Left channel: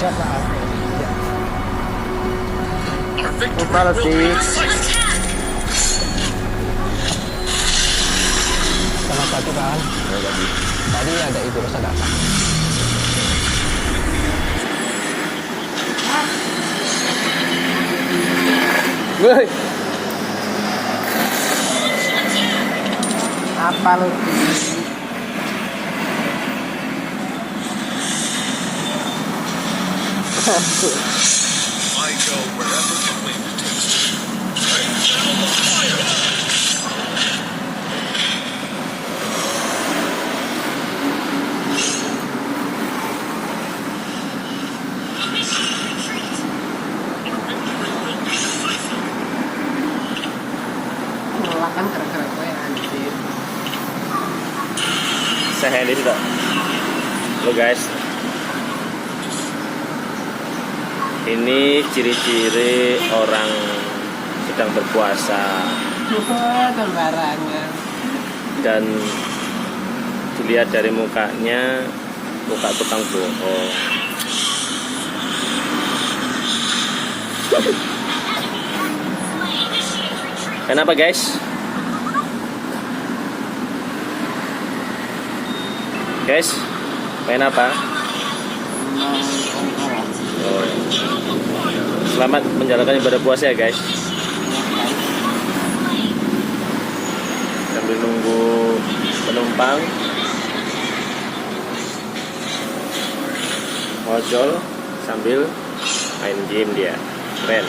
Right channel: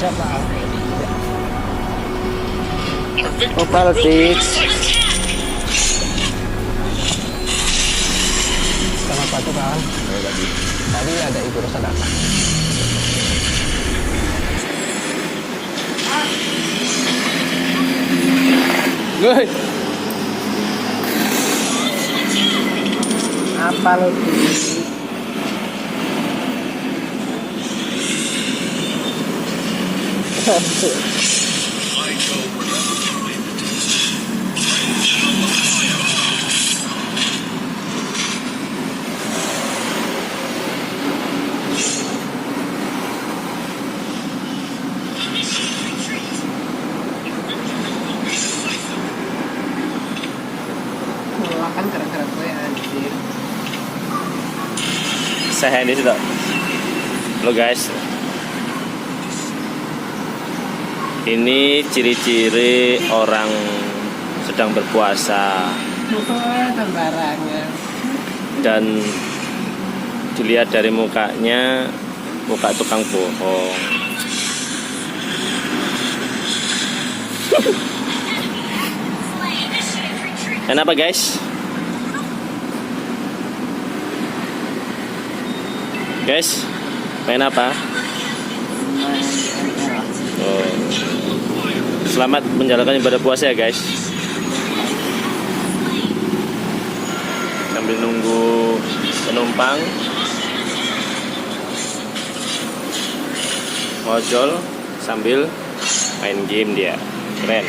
Siap lah. Putar sih. Kenapa tuh kan? Tadi ada Ibu Rosa datang. Woi. Apa lo? Kan keren-keren tuh ya anjir. Saya ini sudah. Halo guys. Ini ciri-ciri orang sedang berpuasa. Sembarangan. Dan dilihat dari mukanya, muka tukang bohong. Kenapa guys? Guys, pengen apa? Oh. Selamat menjalankan ibadah puasa ya guys. Sambil nunggu penumpang ojol sambil main game dia. Keren.